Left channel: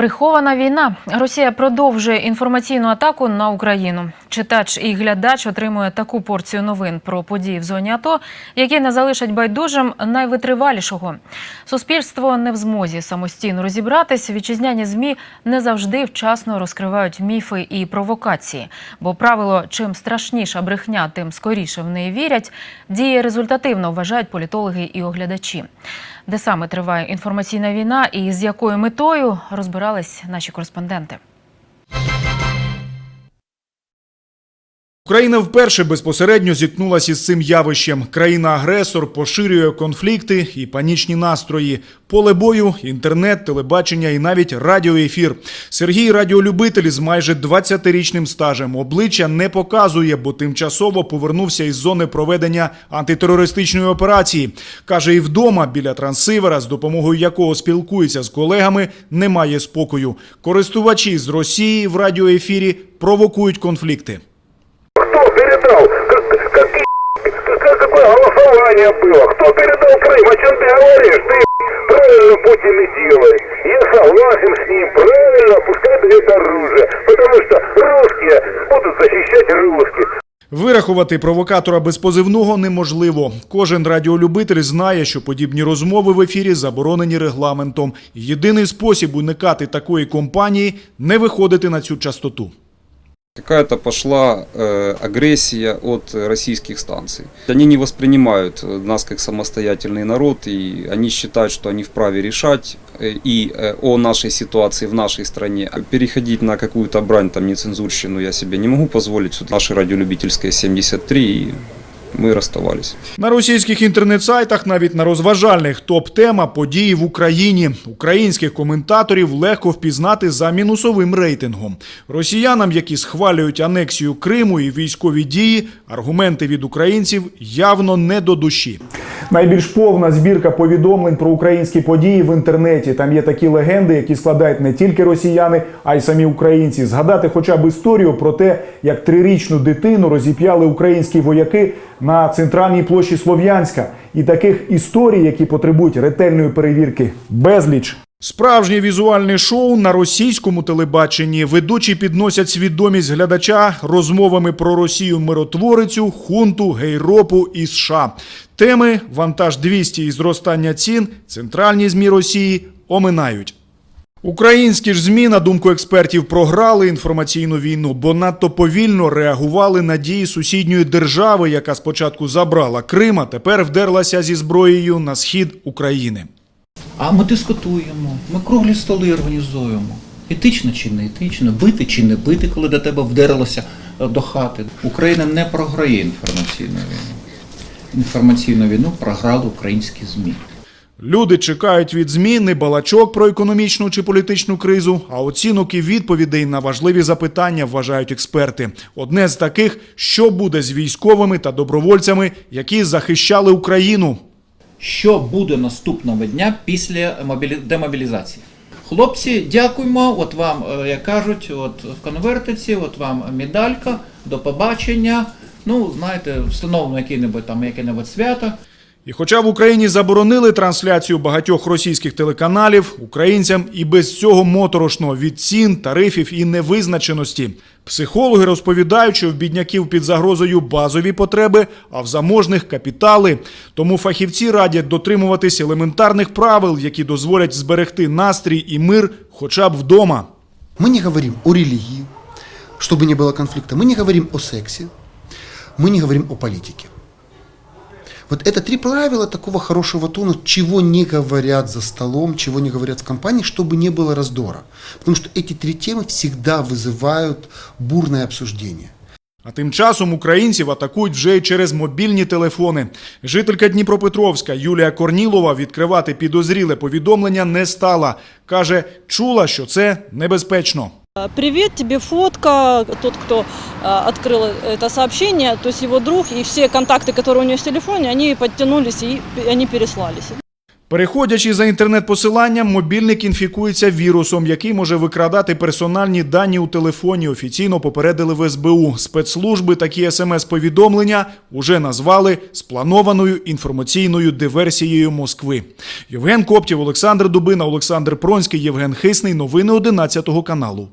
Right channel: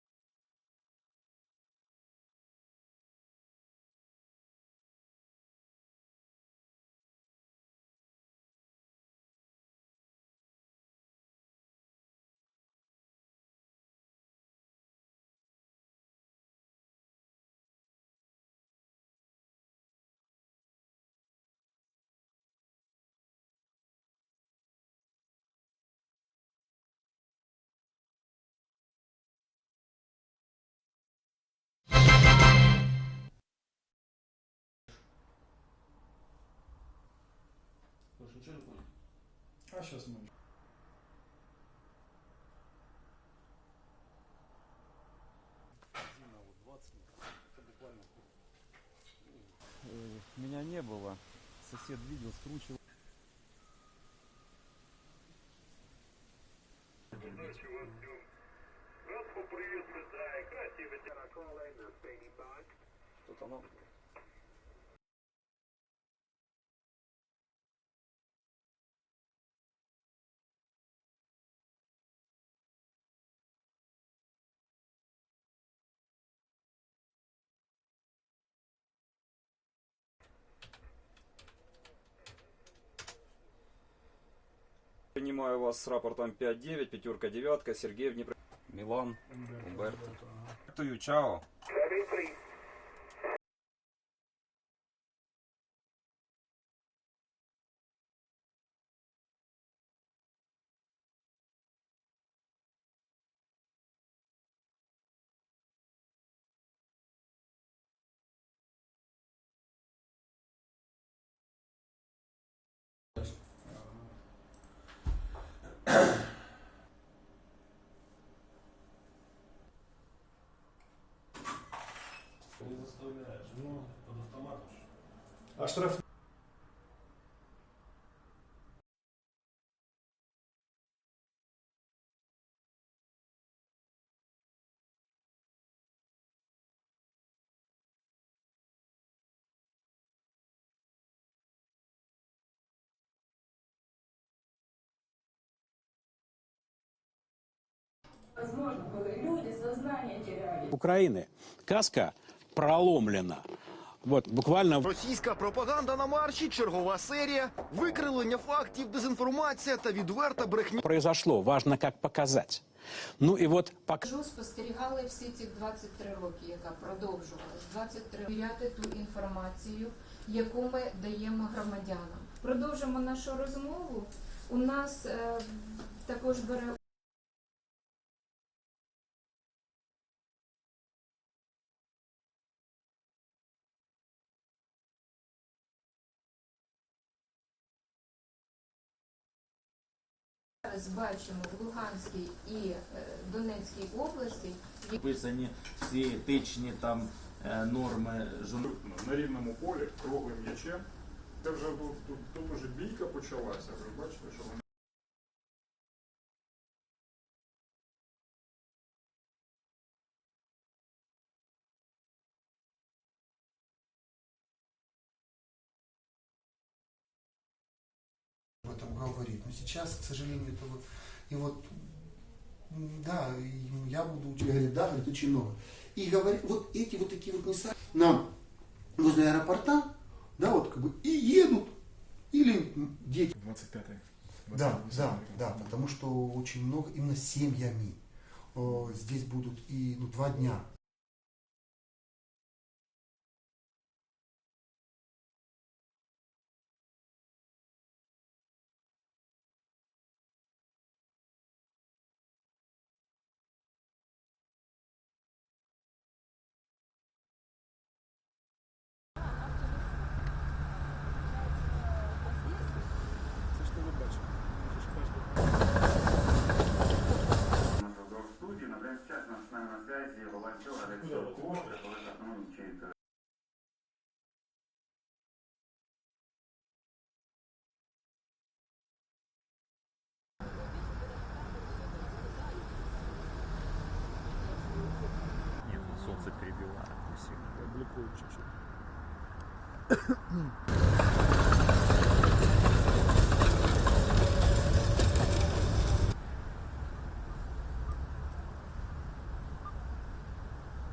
Прихована війна. Росія продовжує інформаційну атаку на Україну. Читач і глядач отримує таку порцію новин про події в зоні АТО, які не залишать байдужим найвитривалішого. Суспільство не в змозі самостійно розібратись. Вітчизняні змі не завжди вчасно розкривають міфи і провокації. Бо правило чим страшніша брехня, тим скоріше в неї вірять. Діє результативно, вважають політологи і оглядачі. Де саме триває інформаційна війна і з якою метою розбирались наші кореспонденти. Україна вперше безпосередньо зіткнулася із цим явищем. Країна-агресор поширює конфлікти і панічні настрої. Поле бою, інтернет, телебачення і навіть радіоефір. Сергій радіолюбитель з майже 20-річним стажем. Обличчя не показує, бо тимчасово повернувся із зони проведення антитерористичної операції. Каже, і вдома біля трансивера, з допомогою якого спілкується з колегами, немає спокою. Користувачі з Росії в радіоефірі провокують конфлікти. Кто передал? Как- Какие, как- какое голосование было? Кто передал Крым? О чем ты говоришь? Ты правильно Путин и делает. Я согласен с ним. Правильно, пускай дает оружие. Потому что русские будут защищать русских. Вирахувати провокатора без позивного неможливо. Кожен радіолюбитель знає, що подібні розмови в ефірі заборонені регламентом. Єдиний спосіб уникати такої компанії не виходити на цю частоту. Какая-то пошла э, агрессия от э, российских станций. Они не воспринимают э, нас как самостоятельный народ, и они считают, что они вправе решать э, и э, о нашей ситуации в нашей стране. А Переходить на какую-то брань, там, нецензурщину я себе не могу позволить. Тут Наша радиолюбительская 73, и мы расставались. На російських інтернет-сайтах, навіть на розважальних топ-тема події в Україні. Українських коментаторів легко впізнати за мінусовим рейтингом. Росіянам, які схвалюють анексію Криму і військові дії, аргументи від українців явно не до душі. Найбільш повна збірка повідомлень про українські події в інтернеті. Там є такі легенди, які складають не тільки росіяни, а й самі українці. Згадати хоча б історію про те, як трирічну дитину розіп'яли українські вояки на центральній площі Слов'янська. І таких історій, які потребують ретельної перевірки, безліч. Справжнє візуальне шоу на російському телебаченні ведучі підносять свідомість глядача розмовами про Росію миротворицю, хунту, гейропу і США. Теми вантаж 200 і зростання цін, центральні змі Росії оминають. Українські ж змі, на думку експертів, програли інформаційну війну, бо надто повільно реагували на дії сусідньої держави, яка спочатку забрала Крим, а тепер вдерлася зі зброєю на схід України. А ми дискутуємо, ми круглі столи організуємо. Етично чи не етично, бити чи не бити, коли до тебе вдерлося е, до хати. Україна не програє інформаційну війну. Інформаційну війну програли українські ЗМІ. Люди чекають від ЗМІ не балачок про економічну чи політичну кризу, а оцінок і відповідей на важливі запитання, вважають експерти. Одне з таких, що буде з військовими та добровольцями, які захищали Україну. Що буде наступного дня після демобілізації? Хлопці, дякуємо. От вам, е, як кажуть, от в конвертиці, от вам медалька, до побачення. Ну, знаєте, встановлено яке-небудь там яке-небудь свято. І хоча в Україні заборонили трансляцію багатьох російських телеканалів, українцям і без цього моторошно від цін, тарифів і невизначеності. Психологи розповідають, що в бідняків під загрозою базові потреби, а в заможних капітали. Тому фахівці радять дотримуватись елементарних правил, які дозволять зберегти настрій і мир, хоча б вдома. Мы не говорим о религии, чтобы не было конфликта. Мы не говорим о сексе. Мы не говорим о политике. Вот это три правила такого хорошего тона, чего не говорят за столом, чего не говорят в компании, чтобы не было раздора. Потому что эти три темы всегда вызывают бурное обсуждение. А тим часом українців атакують вже й через мобільні телефони. Жителька Дніпропетровська Юлія Корнілова відкривати підозріле повідомлення не стала. Каже, чула, що це небезпечно. А, Привет, тебе фотка. Тот, кто а, открыл это сообщение, то есть его друг и все контакты, которые у него в телефоне, они подтянулись и п- они переслались. Переходячи за інтернет-посиланням, мобільник інфікується вірусом, який може викрадати персональні дані у телефоні. Офіційно попередили в СБУ. Спецслужби такі смс-повідомлення вже назвали спланованою інформаційною диверсією Москви. Євген Коптів, Олександр Дубина, Олександр Пронський, Євген Хисний. Новини 11 каналу.